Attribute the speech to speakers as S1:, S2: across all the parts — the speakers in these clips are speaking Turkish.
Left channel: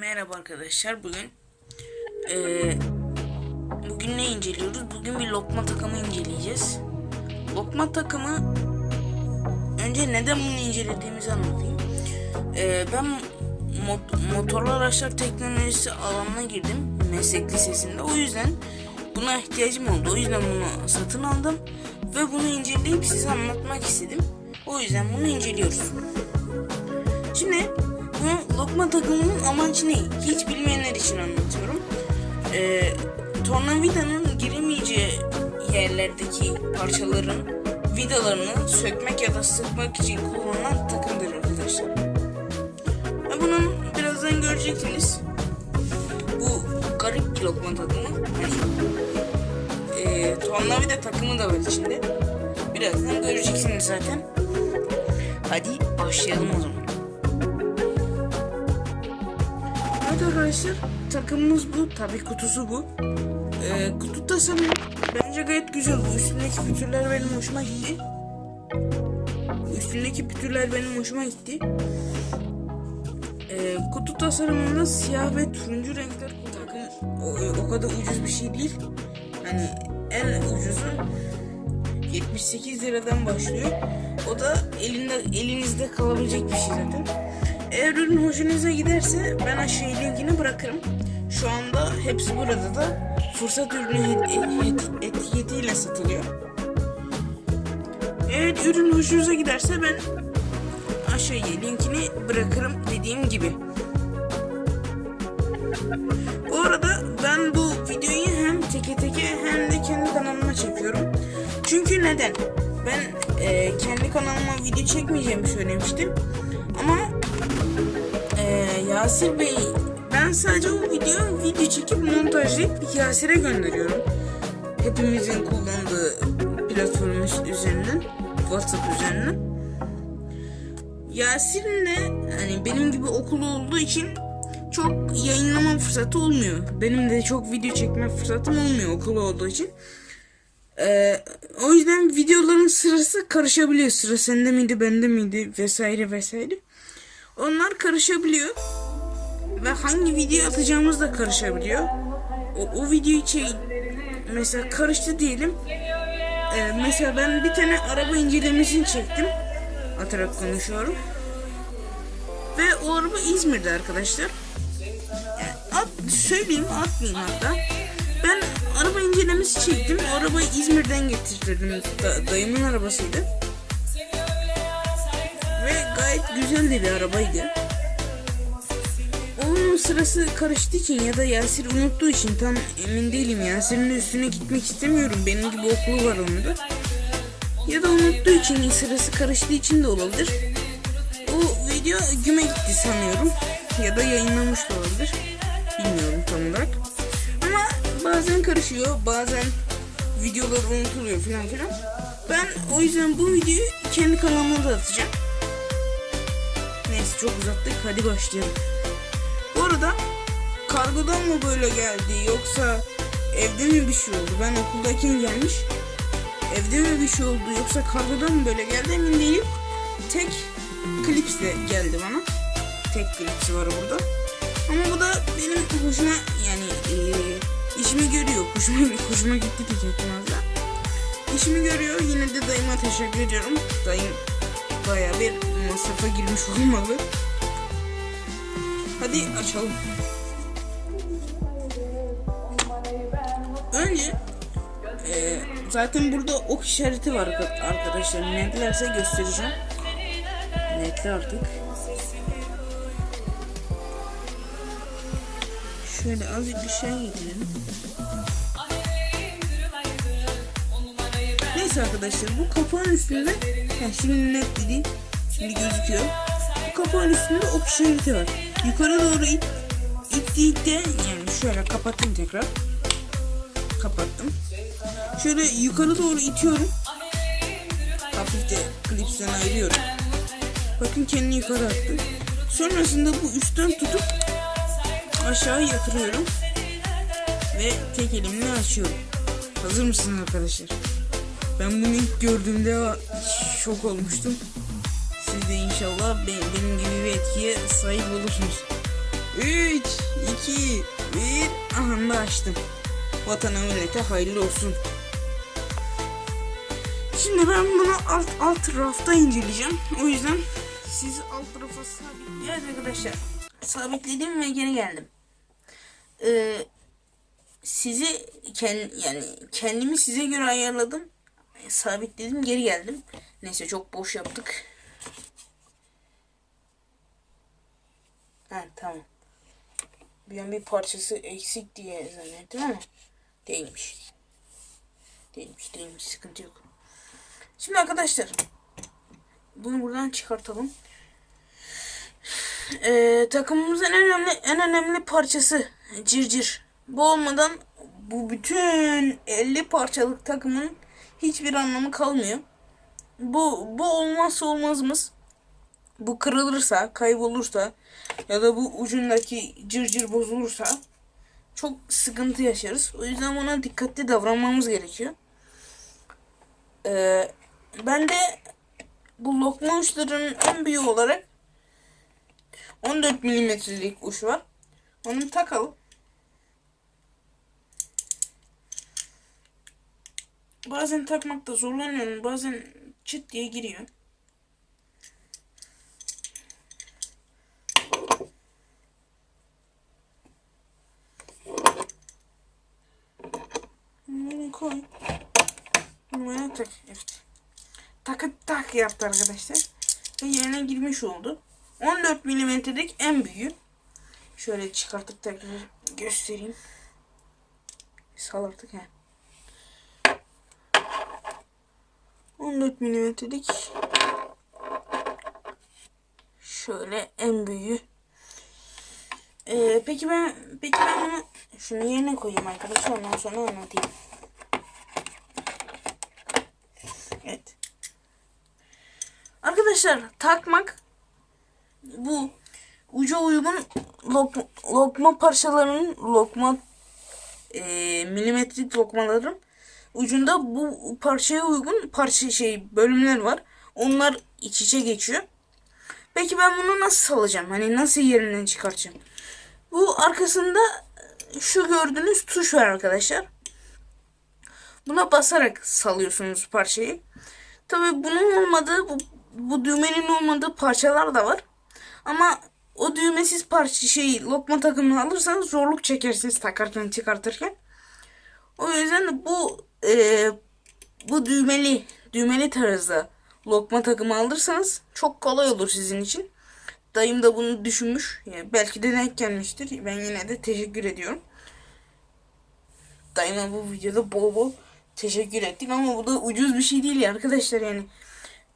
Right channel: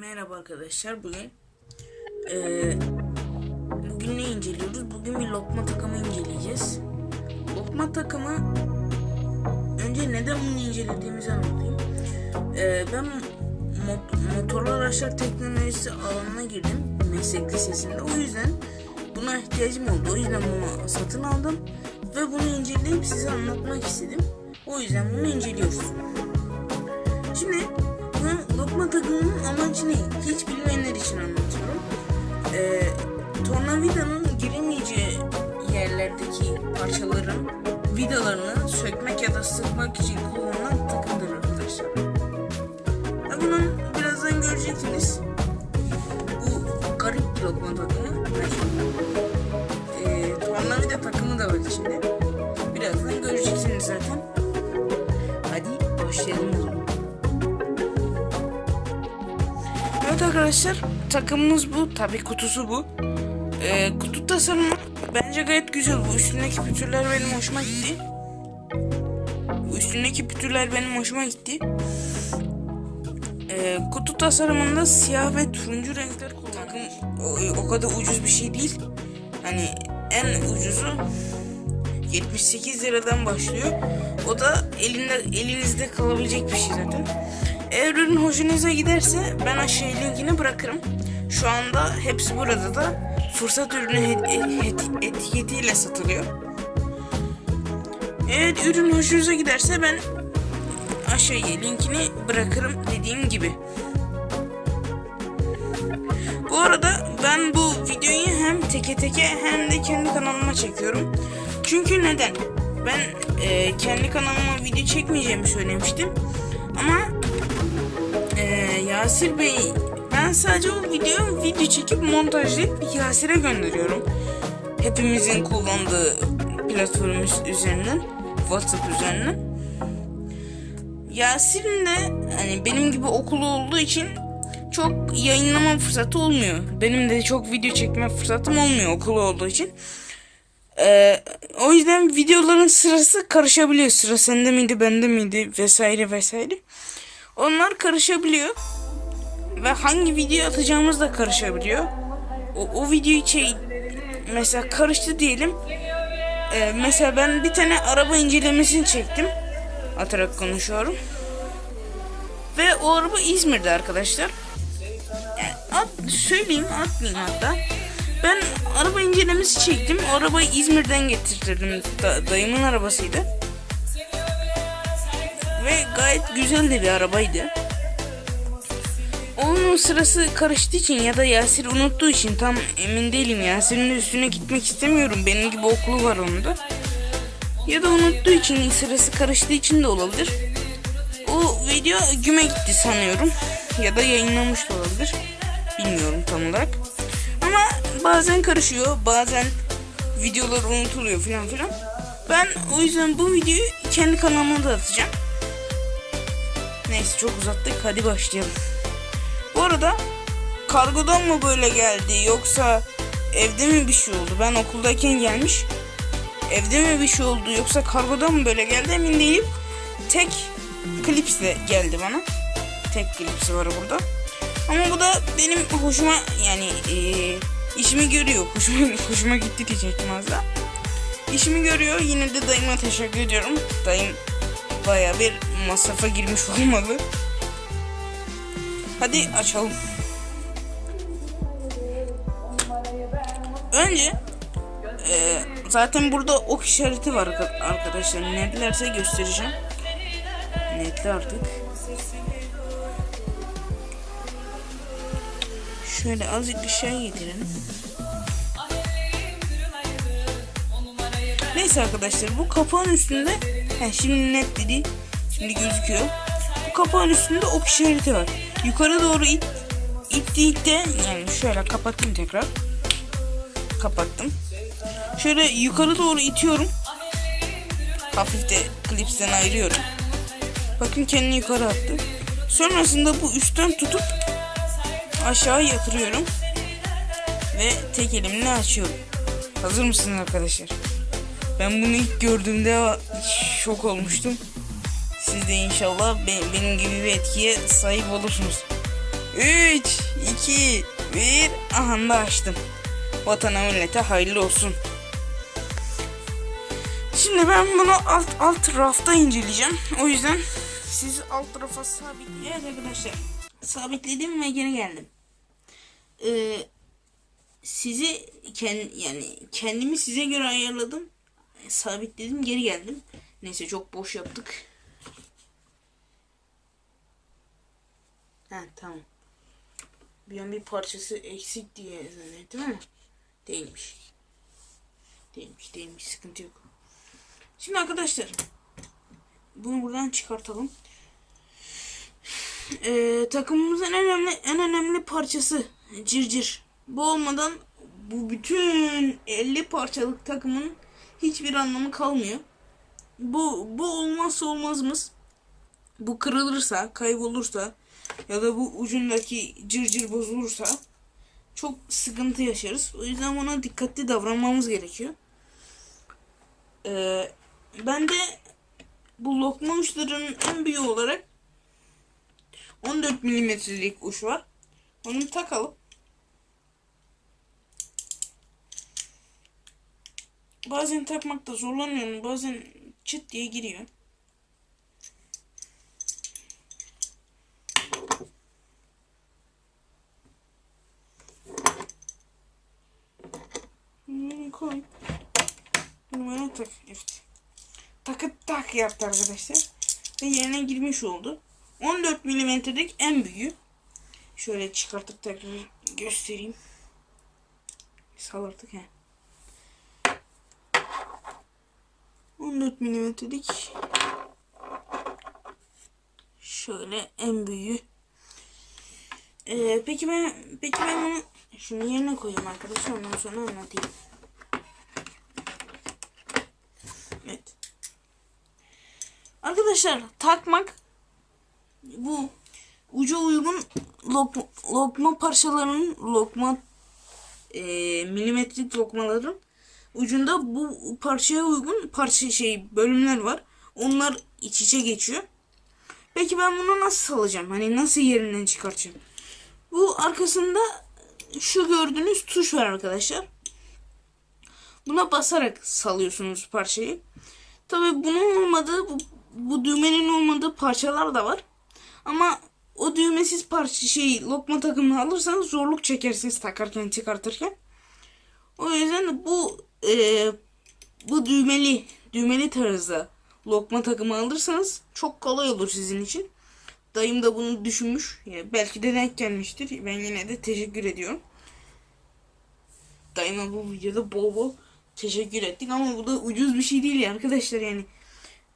S1: Merhaba arkadaşlar bugün e, Bugün ne inceliyoruz? Bugün bir lokma takımı inceleyeceğiz Lokma takımı Önce neden bunu incelediğimizi anlatayım e, Ben mot motorlu araçlar teknolojisi alanına girdim Meslek lisesinde o yüzden Buna ihtiyacım oldu o yüzden bunu satın aldım Ve bunu inceleyip size anlatmak istedim O yüzden bunu inceliyoruz Şimdi Lokma takımının amacı ne? Hiç bilmeyenler için anlatıyorum. Ee, tornavidanın giremeyeceği yerlerdeki parçaların vidalarını sökmek ya da sıkmak için kullanılan takımdır arkadaşlar. Ve bunu birazdan göreceksiniz. Bu garip bir lokma takımı. Ee, tornavida takımı da var içinde. Birazdan göreceksiniz zaten. Hadi başlayalım o zaman. arkadaşlar takımımız bu. Tabi kutusu bu. Ee, kutu tasarımı bence gayet güzel. Bu üstündeki pütürler benim hoşuma gitti. Bu üstündeki pütürler benim hoşuma gitti. Ee, kutu tasarımında siyah ve turuncu renkler takım. O, e, o kadar ucuz bir şey değil. Hani en ucuzu 78 liradan başlıyor. O da elinde elinizde kalabilecek bir şey zaten. Eğer ürün hoşunuza giderse ben aşağıya linkini bırakırım. Şu anda hepsi burada da fırsat ürünü e, etiketiyle satılıyor. Eğer ürün hoşunuza giderse ben aşağıya linkini bırakırım dediğim gibi. Bu arada ben bu videoyu hem teke teke hem de kendi kanalıma çekiyorum. Çünkü neden? Ben e, kendi kanalıma video çekmeyeceğimi söylemiştim. Ama Yasir Bey ben sadece bu videoyu video çekip montajlayıp Yasir'e gönderiyorum. Hepimizin kullandığı platform üzerinden WhatsApp üzerinden. Yasir'in de hani benim gibi okulu olduğu için çok yayınlama fırsatı olmuyor. Benim de çok video çekme fırsatım olmuyor okulu olduğu için. Ee, o yüzden videoların sırası karışabiliyor. Sıra sende miydi, bende miydi vesaire vesaire. Onlar karışabiliyor ve hangi video atacağımız da karışabiliyor. O, o videoyu şey mesela karıştı diyelim. Ee, mesela ben bir tane araba incelemesini çektim. Atarak konuşuyorum. Ve o araba İzmir'de arkadaşlar. Yani at, söyleyeyim atmayayım hatta. Ben araba incelemesi çektim. O arabayı İzmir'den getirdim. Da, dayımın arabasıydı. Ve gayet güzel de bir arabaydı. Videonun sırası karıştığı için ya da Yasir unuttuğu için tam emin değilim. Yasir'in üstüne gitmek istemiyorum. Benim gibi okulu var onun da. Ya da unuttuğu için sırası karıştığı için de olabilir. O video güme gitti sanıyorum. Ya da yayınlamış olabilir. Bilmiyorum tam olarak. Ama bazen karışıyor. Bazen videolar unutuluyor falan filan. Ben o yüzden bu videoyu kendi kanalıma da atacağım. Neyse çok uzattık. Hadi başlayalım arada kargodan mı böyle geldi yoksa evde mi bir şey oldu? Ben okuldayken gelmiş. Evde mi bir şey oldu yoksa kargodan mı böyle geldi emin değilim. Tek klipsle geldi bana. Tek klipsi var burada. Ama bu da benim hoşuma yani e, işimi görüyor. Hoşuma, hoşuma gitti diyecektim az da. İşimi görüyor. Yine de dayıma teşekkür ediyorum. Dayım baya bir masrafa girmiş olmalı. Hadi açalım. Önce e, zaten burada ok işareti var arkadaşlar. Netlerse göstereceğim. Netli artık. Şöyle azıcık bir şey yedirelim. Neyse arkadaşlar bu kapağın üstünde he, şimdi net dedi. Şimdi gözüküyor. Bu kapağın üstünde ok işareti var. Yukarı doğru it, ittiğinde yani şöyle kapattım tekrar. Kapattım. Şöyle yukarı doğru itiyorum. Hafif de klipsten ayırıyorum. Bakın kendini yukarı attı. Sonrasında bu üstten tutup aşağı yatırıyorum. Ve tek elimle açıyorum. Hazır mısınız arkadaşlar? Ben bunu ilk gördüğümde şok olmuştum. İnşallah benim gibi bir etkiye sahip olursunuz. 3, 2, 1. Aha açtım. Vatana millete hayırlı olsun. Şimdi ben bunu alt alt rafta inceleyeceğim. O yüzden sizi alt rafa sabitleyelim evet arkadaşlar. Sabitledim ve geri geldim. Ee, sizi kend, yani kendimi size göre ayarladım. Sabitledim geri geldim. Neyse çok boş yaptık. Ha tamam. Bir bir parçası eksik diye zannettim ama değilmiş. Değilmiş değilmiş sıkıntı yok. Şimdi arkadaşlar bunu buradan çıkartalım. Ee, takımımızın en önemli en önemli parçası circir. Bu olmadan bu bütün 50 parçalık takımın hiçbir anlamı kalmıyor. Bu bu olmazsa olmazımız. Bu kırılırsa, kaybolursa, ya da bu ucundaki cırcır bozulursa çok sıkıntı yaşarız. O yüzden ona dikkatli davranmamız gerekiyor. Ee, ben de bu lokma uçlarının en büyüğü olarak 14 milimetrelik uç var. Onu takalım. Bazen takmakta zorlanıyorum. Bazen çıt diye giriyor. koy. Numara tak. Evet. Takı tak yaptı arkadaşlar. Ve yerine girmiş oldu. 14 milimetrelik en büyük. Şöyle çıkartıp tekrar göstereyim. Salardık he. 14 milimetrelik şöyle en büyüğü. Ee, peki ben peki ben bunu şunu yerine koyayım arkadaşlar ondan sonra anlatayım. Arkadaşlar takmak bu ucu uygun lok, lokma parçalarının lokma e, milimetrik lokmaların ucunda bu parçaya uygun parça şey bölümler var. Onlar iç içe geçiyor. Peki ben bunu nasıl salacağım? Hani nasıl yerinden çıkaracağım? Bu arkasında şu gördüğünüz tuş var arkadaşlar. Buna basarak salıyorsunuz parçayı. Tabii bunun olmadığı bu bu düğmenin olmadığı parçalar da var. Ama o düğmesiz parça şeyi lokma takımını alırsanız zorluk çekersiniz takarken çıkartırken. O yüzden bu e, bu düğmeli düğmeli tarzda lokma takımı alırsanız çok kolay olur sizin için. Dayım da bunu düşünmüş. Yani belki de denk gelmiştir. Ben yine de teşekkür ediyorum. Dayıma bu videoda bol bol teşekkür ettik ama bu da ucuz bir şey değil ya arkadaşlar yani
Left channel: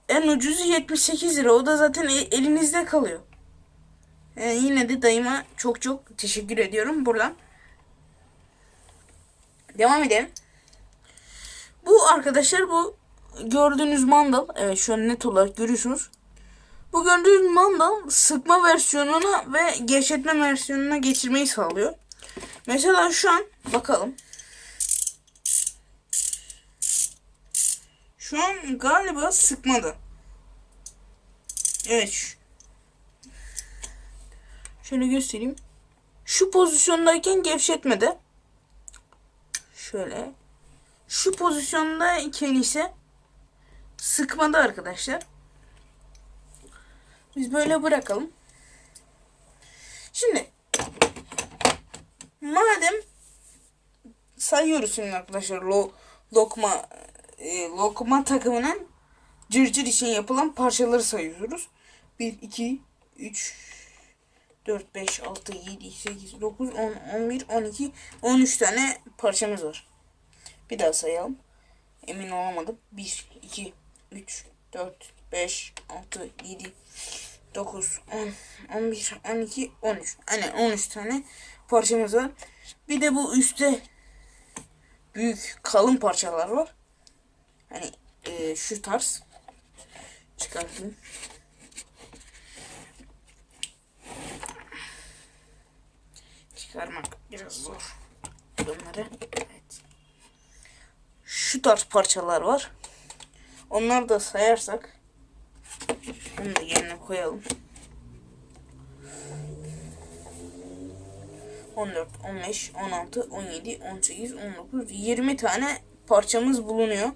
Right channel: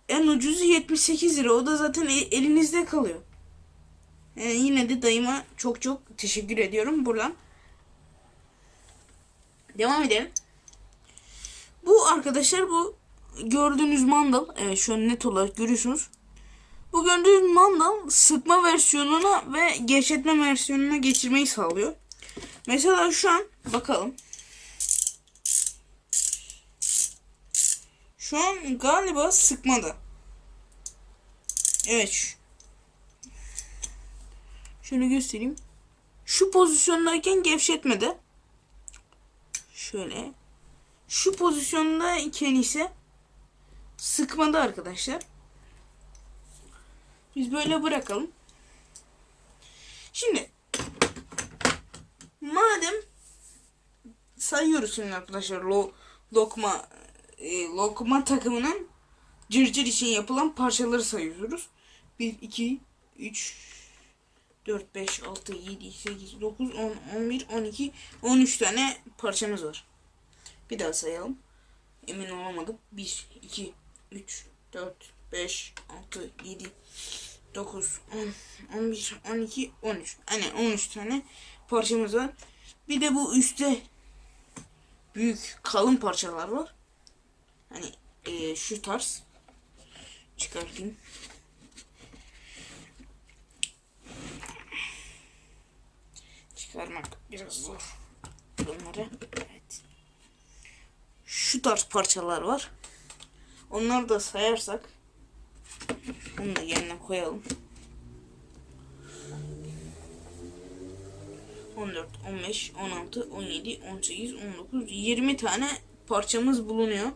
S1: en ucuzu 78 lira. O da zaten e, elinizde kalıyor. Yani e, yine de dayıma çok çok teşekkür ediyorum buradan. Devam edelim. Bu arkadaşlar bu gördüğünüz mandal. Evet şu an net olarak görüyorsunuz. Bu gördüğünüz mandal sıkma versiyonuna ve gevşetme versiyonuna geçirmeyi sağlıyor. Mesela şu an bakalım. Şu an galiba sıkmadı. Evet. Şöyle göstereyim. Şu pozisyondayken gevşetmedi. Şöyle. Şu pozisyondayken ise sıkmadı arkadaşlar. Biz böyle bırakalım. Şimdi madem sayıyoruz şimdi arkadaşlar lo, lokma e, lokma takımının cırcır için yapılan parçaları sayıyoruz. 1, 2, 3, 4, 5, 6, 7, 8, 9, 10, 11, 12, 13 tane parçamız var. Bir daha sayalım. Emin olamadım. 1, 2, 3, 4, 5, 6, 7, 9, 10, 11, 12, 13. Hani 13 tane parçamız var. Bir de bu üstte büyük kalın parçalar var. Hani e, şu tarz çıkartayım. Çıkarmak biraz zor. Bunları evet. Şu tarz parçalar var. Onları da sayarsak bunu da yerine koyalım. 14, 15, 16, 17, 18, 19, 20 tane parçamız bulunuyor.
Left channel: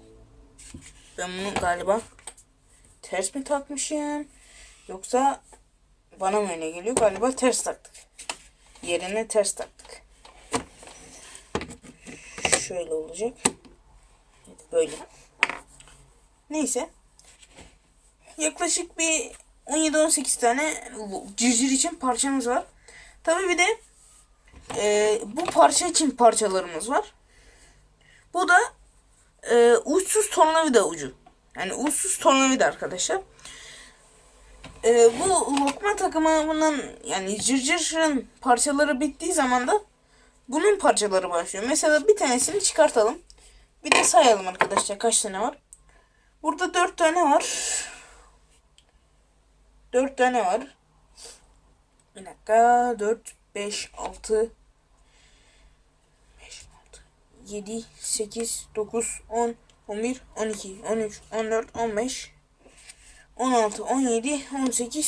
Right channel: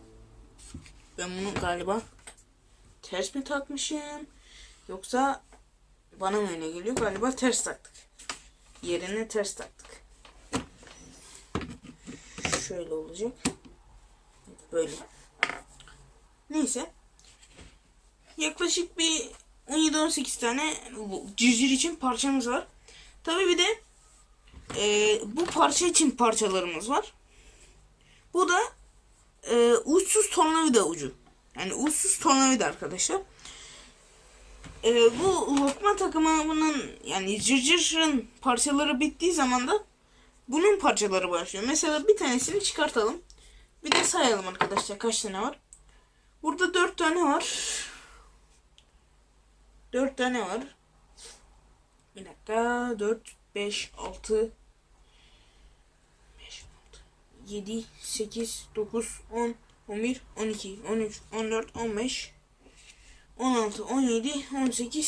S1: Ben bunu galiba ters mi takmışım? Yoksa bana mı öyle geliyor? Galiba ters taktık. Yerine ters taktık. Şöyle olacak. Böyle. Neyse. Yaklaşık bir 17-18 tane civciv için parçamız var. tabi bir de e, bu parça için parçalarımız var. Bu da e, uçsuz tornavida ucu. Yani uçsuz tornavida arkadaşlar. E, bu lokma takımı bunun yani cırcırın parçaları bittiği zaman da bunun parçaları başlıyor. Mesela bir tanesini çıkartalım. Bir de sayalım arkadaşlar kaç tane var. Burada dört tane var. Dört tane var. Bir dakika. Dört, beş, altı, 7, 8, 9, 10, 11, 12, 13, 14, 15, 16, 17, 18, 19,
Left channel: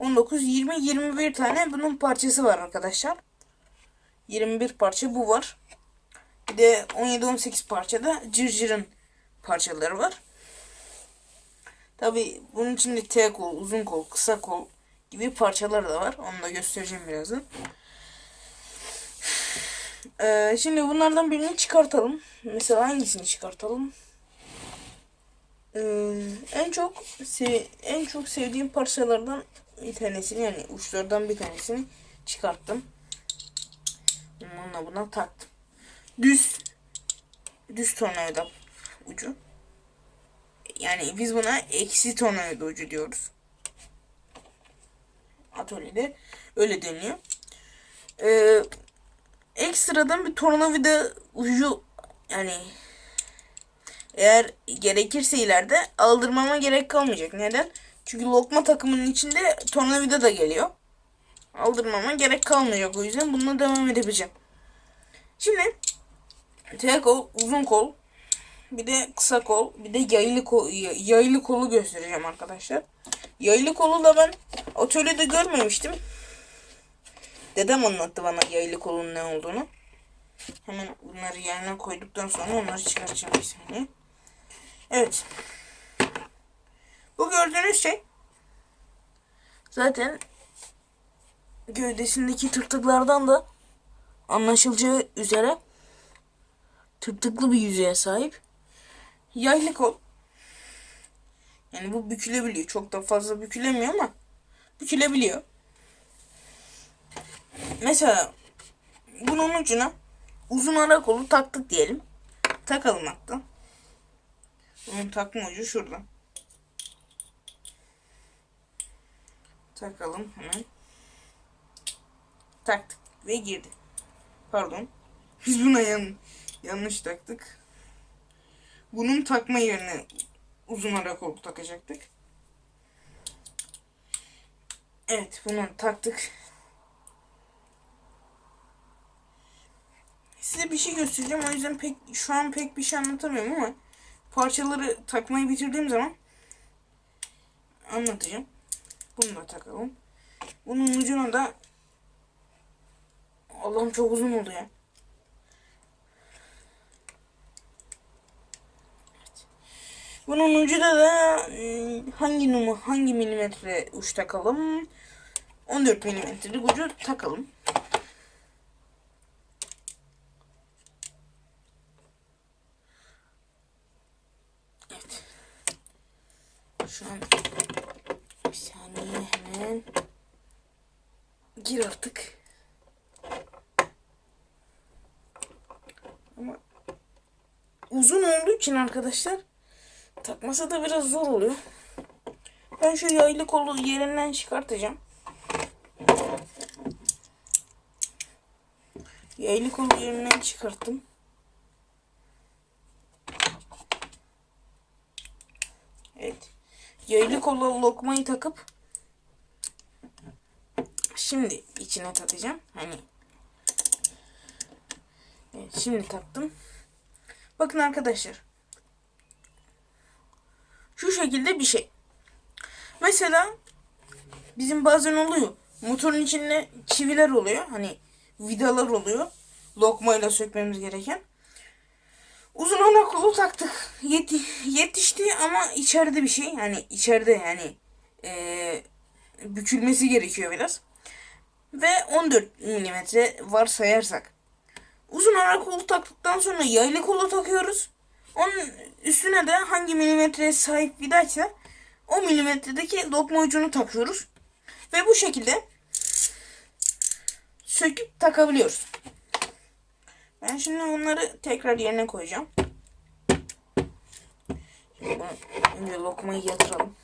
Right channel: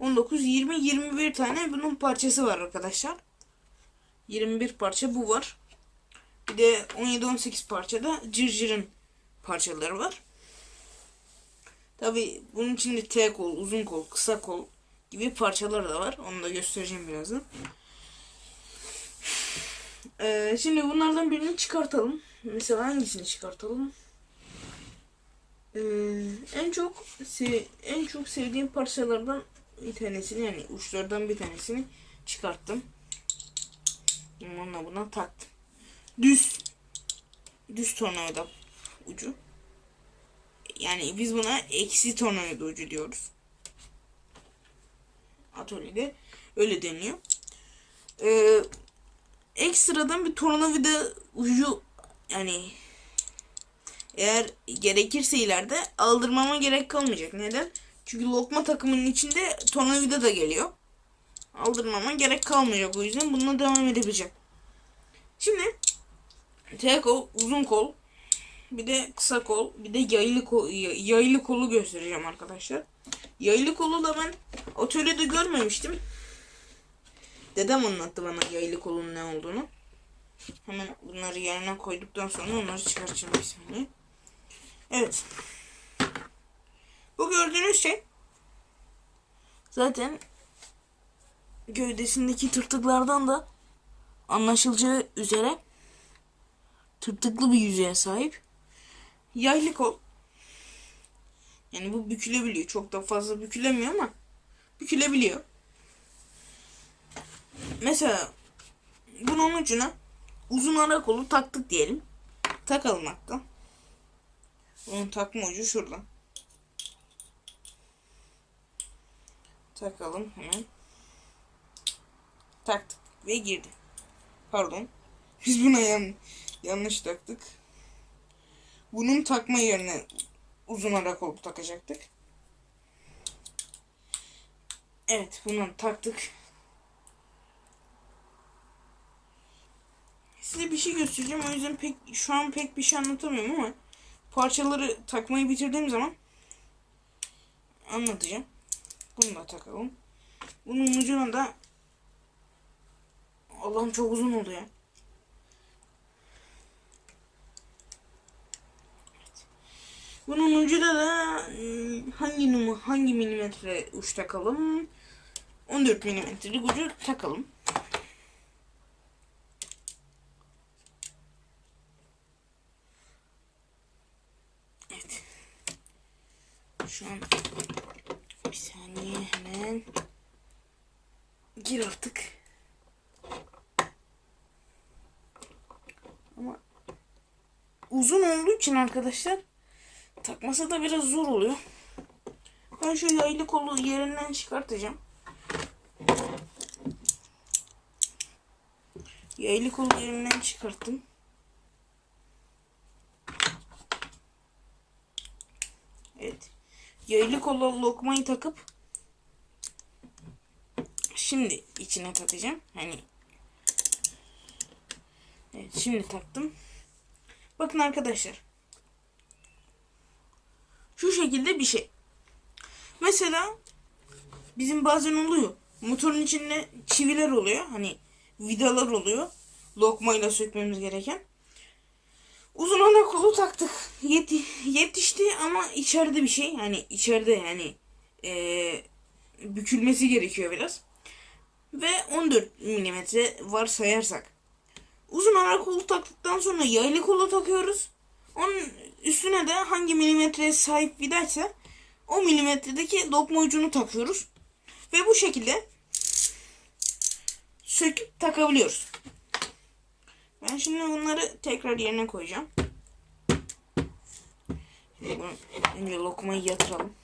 S1: 20, 21 tane bunun parçası var arkadaşlar. 21 parça bu var. Bir de 17-18 parçada cırcırın parçaları var. Tabi bunun içinde T kol, uzun kol, kısa kol gibi parçalar da var. Onu da göstereceğim birazdan. Ee, şimdi bunlardan birini çıkartalım. Mesela hangisini çıkartalım? Ee, en çok en çok sevdiğim parçalardan bir tanesini yani uçlardan bir tanesini çıkarttım. Bununla buna taktım. Düz düz tornavida ucu. Yani biz buna eksi tornavida ucu diyoruz. Atölyede öyle deniyor. Ee, ekstradan bir tornavida ucu yani eğer gerekirse ileride aldırmama gerek kalmayacak. Neden? Çünkü lokma takımının içinde tornavida da geliyor. Aldırmama gerek kalmayacak o yüzden bununla devam edebileceğim. Şimdi tek kol, uzun kol, bir de kısa kol, bir de yaylı, kol, yaylı kolu göstereceğim arkadaşlar. Yaylı kolu da ben atölyede görmemiştim. Dedem anlattı bana yaylı kolun ne olduğunu. Hemen bunları yerine koyduktan sonra onları çıkaracağım bir saniye. Evet. Bu gördüğünüz şey zaten gövdesindeki tırtıklardan da anlaşılacağı üzere tırtıklı bir yüzeye sahip. Yaylı kol. Yani bu bükülebiliyor. Çok da fazla bükülemiyor ama bükülebiliyor mesela bunun ucuna uzun ara kolu taktık diyelim. Takalım hatta. Bunun takma ucu şurada. Takalım hemen. Taktık ve girdi. Pardon. Biz buna yan yanlış taktık. Bunun takma yerine uzun ara kolu takacaktık. Evet bunu taktık. size bir şey göstereceğim. O yüzden pek şu an pek bir şey anlatamıyorum ama parçaları takmayı bitirdiğim zaman anlatacağım. Bunu da takalım. Bunun ucuna da Allah'ım çok uzun oldu ya. Bunun ucuna da ıı, hangi numara hangi milimetre uç takalım? 14 milimetrelik ucu takalım. yaptık. Ama uzun olduğu için arkadaşlar takması da biraz zor oluyor. Ben şu yaylı kolu yerinden çıkartacağım. Yaylı kolu yerinden çıkarttım. Evet. Yaylı kola lokmayı takıp Şimdi içine takacağım. Hani Evet şimdi taktım. Bakın arkadaşlar. Şu şekilde bir şey. Mesela bizim bazen oluyor. Motorun içinde çiviler oluyor. Hani vidalar oluyor. Lokmayla sökmemiz gereken. Uzun ona kolu taktık. Yeti, yetişti ama içeride bir şey. Yani içeride yani ee, bükülmesi gerekiyor biraz ve 14 mm sayarsak Uzun ara kolu taktıktan sonra yaylı kolu takıyoruz. Onun üstüne de hangi milimetreye sahip vidaysa o milimetredeki lokma ucunu takıyoruz. Ve bu şekilde söküp takabiliyoruz. Ben şimdi bunları tekrar yerine koyacağım. Şimdi bunu önce lokmayı yatıralım.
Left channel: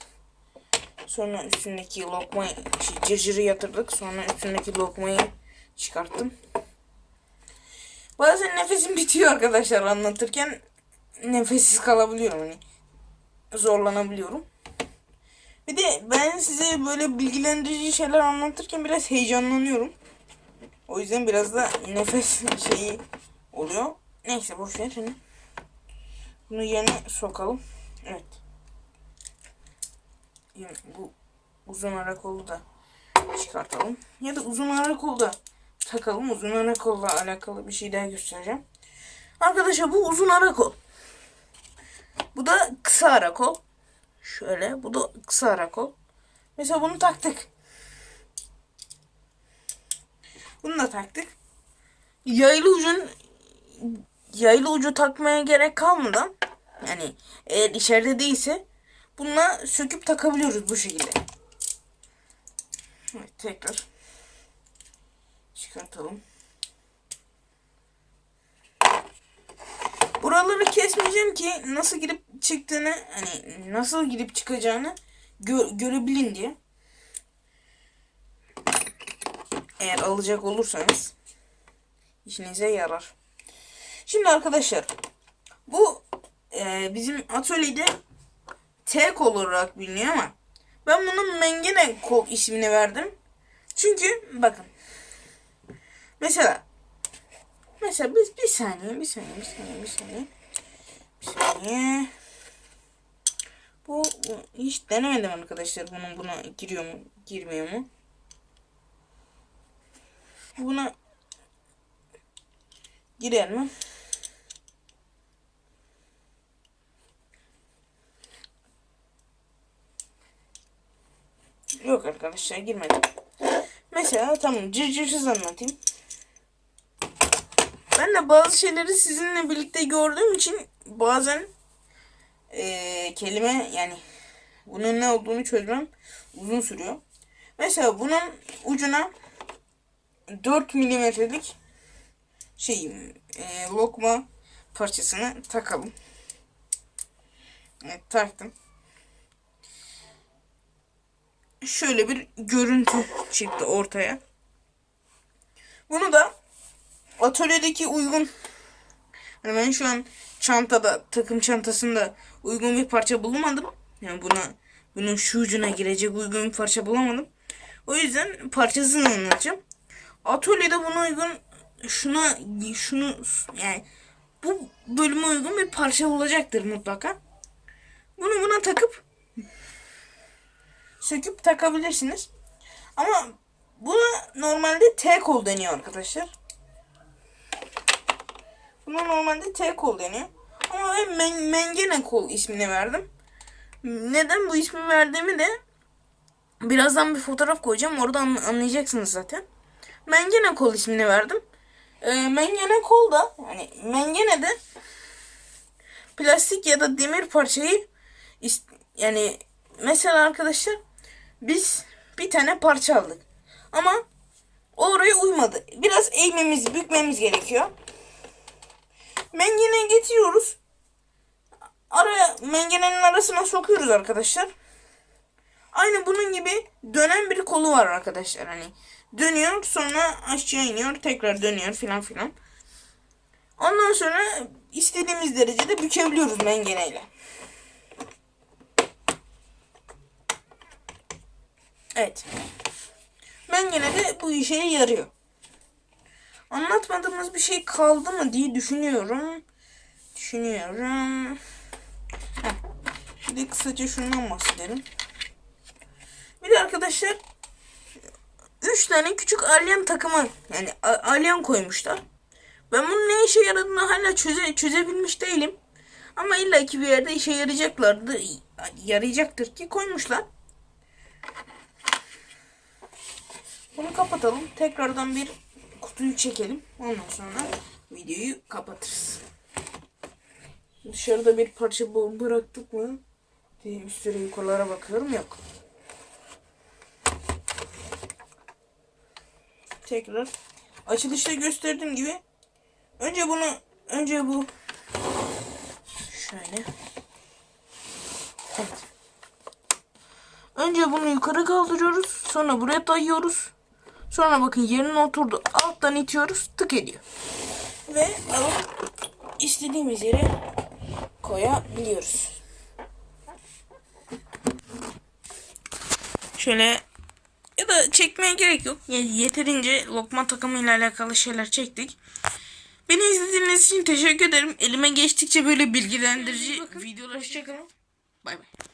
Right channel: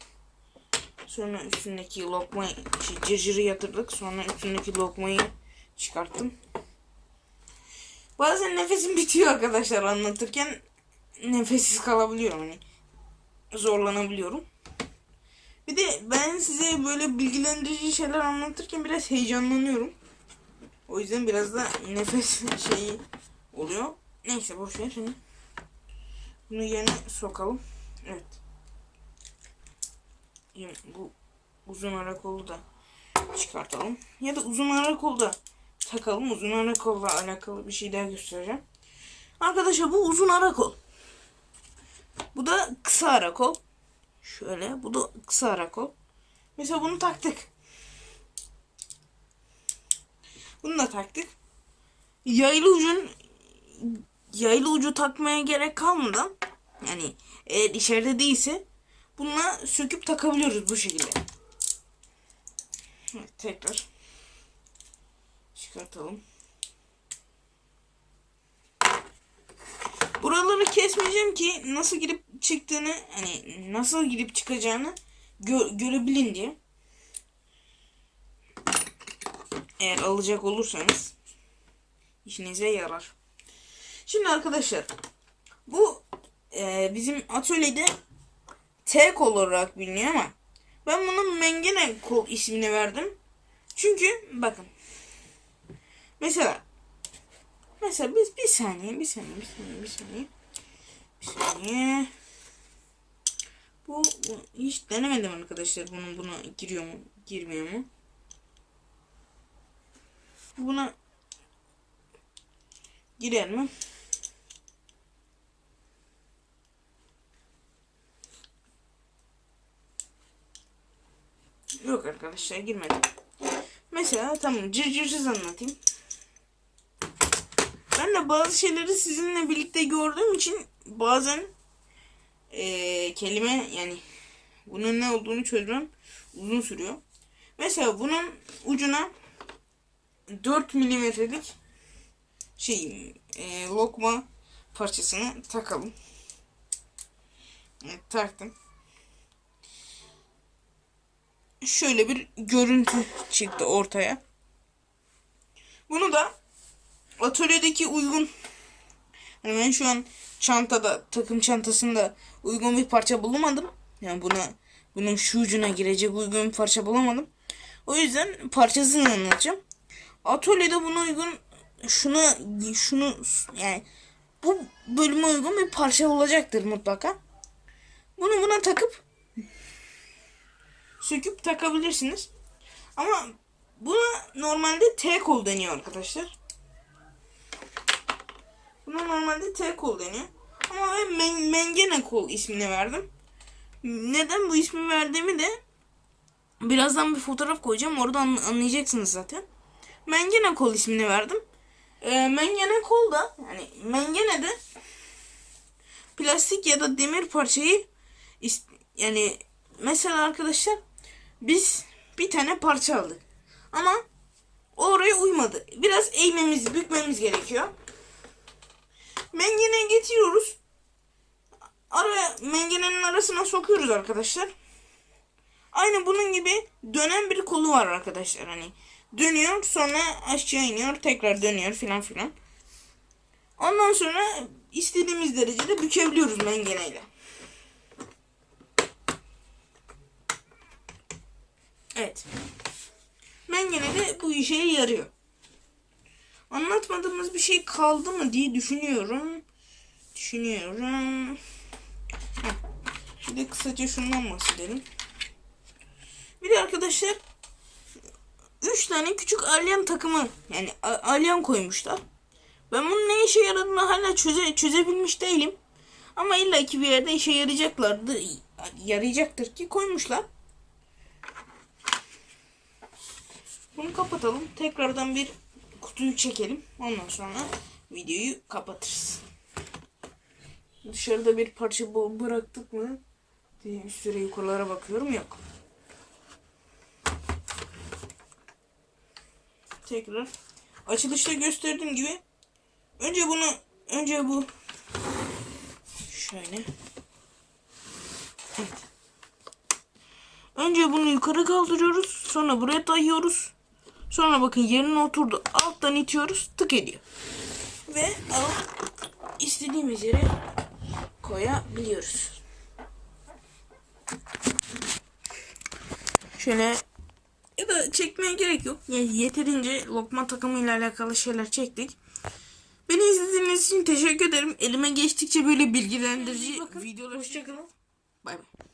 S1: Sonra üstündeki lokmayı şey, cırcırı yatırdık. Sonra üstündeki lokmayı çıkarttım. Bazen nefesim bitiyor arkadaşlar anlatırken. Nefessiz kalabiliyorum hani. Zorlanabiliyorum. Bir de ben size böyle bilgilendirici şeyler anlatırken biraz heyecanlanıyorum. O yüzden biraz da nefes şeyi oluyor. Neyse boş ver şimdi. Hani bunu yerine sokalım. Evet. Yine bu uzun ara kolu da çıkartalım. Ya da uzun ara kolu da takalım. Uzun ara kolla alakalı bir şey daha göstereceğim. Arkadaşlar bu uzun ara kol. Bu da kısa ara kol. Şöyle. Bu da kısa ara kol. Mesela bunu taktık. Bunu da taktık. Yaylı ucun yaylı ucu takmaya gerek kalmadan yani eğer içeride değilse Bununla söküp takabiliyoruz bu şekilde. Evet, tekrar çıkartalım. Buraları kesmeyeceğim ki nasıl girip çıktığını hani nasıl girip çıkacağını gö görebilin diye. Eğer alacak olursanız işinize yarar. Şimdi arkadaşlar bu e, bizim atölyede tek olarak biliniyor ama ben bunu mengene kok ismini verdim. Çünkü bakın mesela mesela biz bir saniye bir saniye bir saniye bir saniye bir saniye bu, bu hiç denemedim arkadaşlar bunun buna giriyor mu girmiyor mu buna girer mi? Yok arkadaşlar girmedim. Mesela tamam cırcırsız anlatayım. Ben de bazı şeyleri sizinle birlikte gördüğüm için bazen e, kelime yani bunun ne olduğunu çözmem uzun sürüyor. Mesela bunun ucuna 4 milimetrelik şey e, lokma parçasını takalım. Evet taktım şöyle bir görüntü çıktı ortaya. Bunu da atölyedeki uygun yani ben şu an çantada takım çantasında uygun bir parça bulamadım. Yani buna bunun şu ucuna girecek uygun bir parça bulamadım. O yüzden parçasını anlatacağım. Atölyede buna uygun şuna şunu yani bu bölüme uygun bir parça olacaktır mutlaka. Bunu buna takıp söküp takabilirsiniz. Ama buna normalde T kol deniyor arkadaşlar. Buna normalde T kol deniyor. Ama ben men mengene kol ismini verdim. Neden bu ismi verdiğimi de birazdan bir fotoğraf koyacağım. Orada anlayacaksınız zaten. Mengene kol ismini verdim. E, mengene kol da hani mengene de plastik ya da demir parçayı yani mesela arkadaşlar biz bir tane parça aldık. Ama oraya uymadı. Biraz eğmemiz, bükmemiz gerekiyor. Mengene getiriyoruz. Araya mengenenin arasına sokuyoruz arkadaşlar. Aynı bunun gibi dönen bir kolu var arkadaşlar. Hani dönüyor sonra aşağı iniyor tekrar dönüyor filan filan. Ondan sonra istediğimiz derecede bükebiliyoruz mengeneyle. Evet. Ben yine de bu işe yarıyor. Anlatmadığımız bir şey kaldı mı diye düşünüyorum. Düşünüyorum. Heh. Bir de kısaca şundan bahsedelim. Bir de arkadaşlar 3 tane küçük alien takımı yani alien koymuşlar. Ben bunun ne işe yaradığını hala çöze, çözebilmiş değilim. Ama illa ki bir yerde işe yarayacaklardı. Yarayacaktır ki koymuşlar. Bunu kapatalım. Tekrardan bir kutuyu çekelim. Ondan sonra videoyu kapatırız. Dışarıda bir parça bıraktık mı diye bir yukarılara bakıyorum. Yok. Tekrar açılışta gösterdiğim gibi önce bunu önce bu şöyle evet. Önce bunu yukarı kaldırıyoruz. Sonra buraya dayıyoruz. Sonra bakın yerine oturdu. Alttan itiyoruz tık ediyor. Ve alıp istediğimiz yere koyabiliyoruz. Şöyle ya da çekmeye gerek yok. Yeterince lokma takımıyla alakalı şeyler çektik. Beni izlediğiniz için teşekkür ederim. Elime geçtikçe böyle bilgilendirici videolar. Hoşçakalın. Bay bay.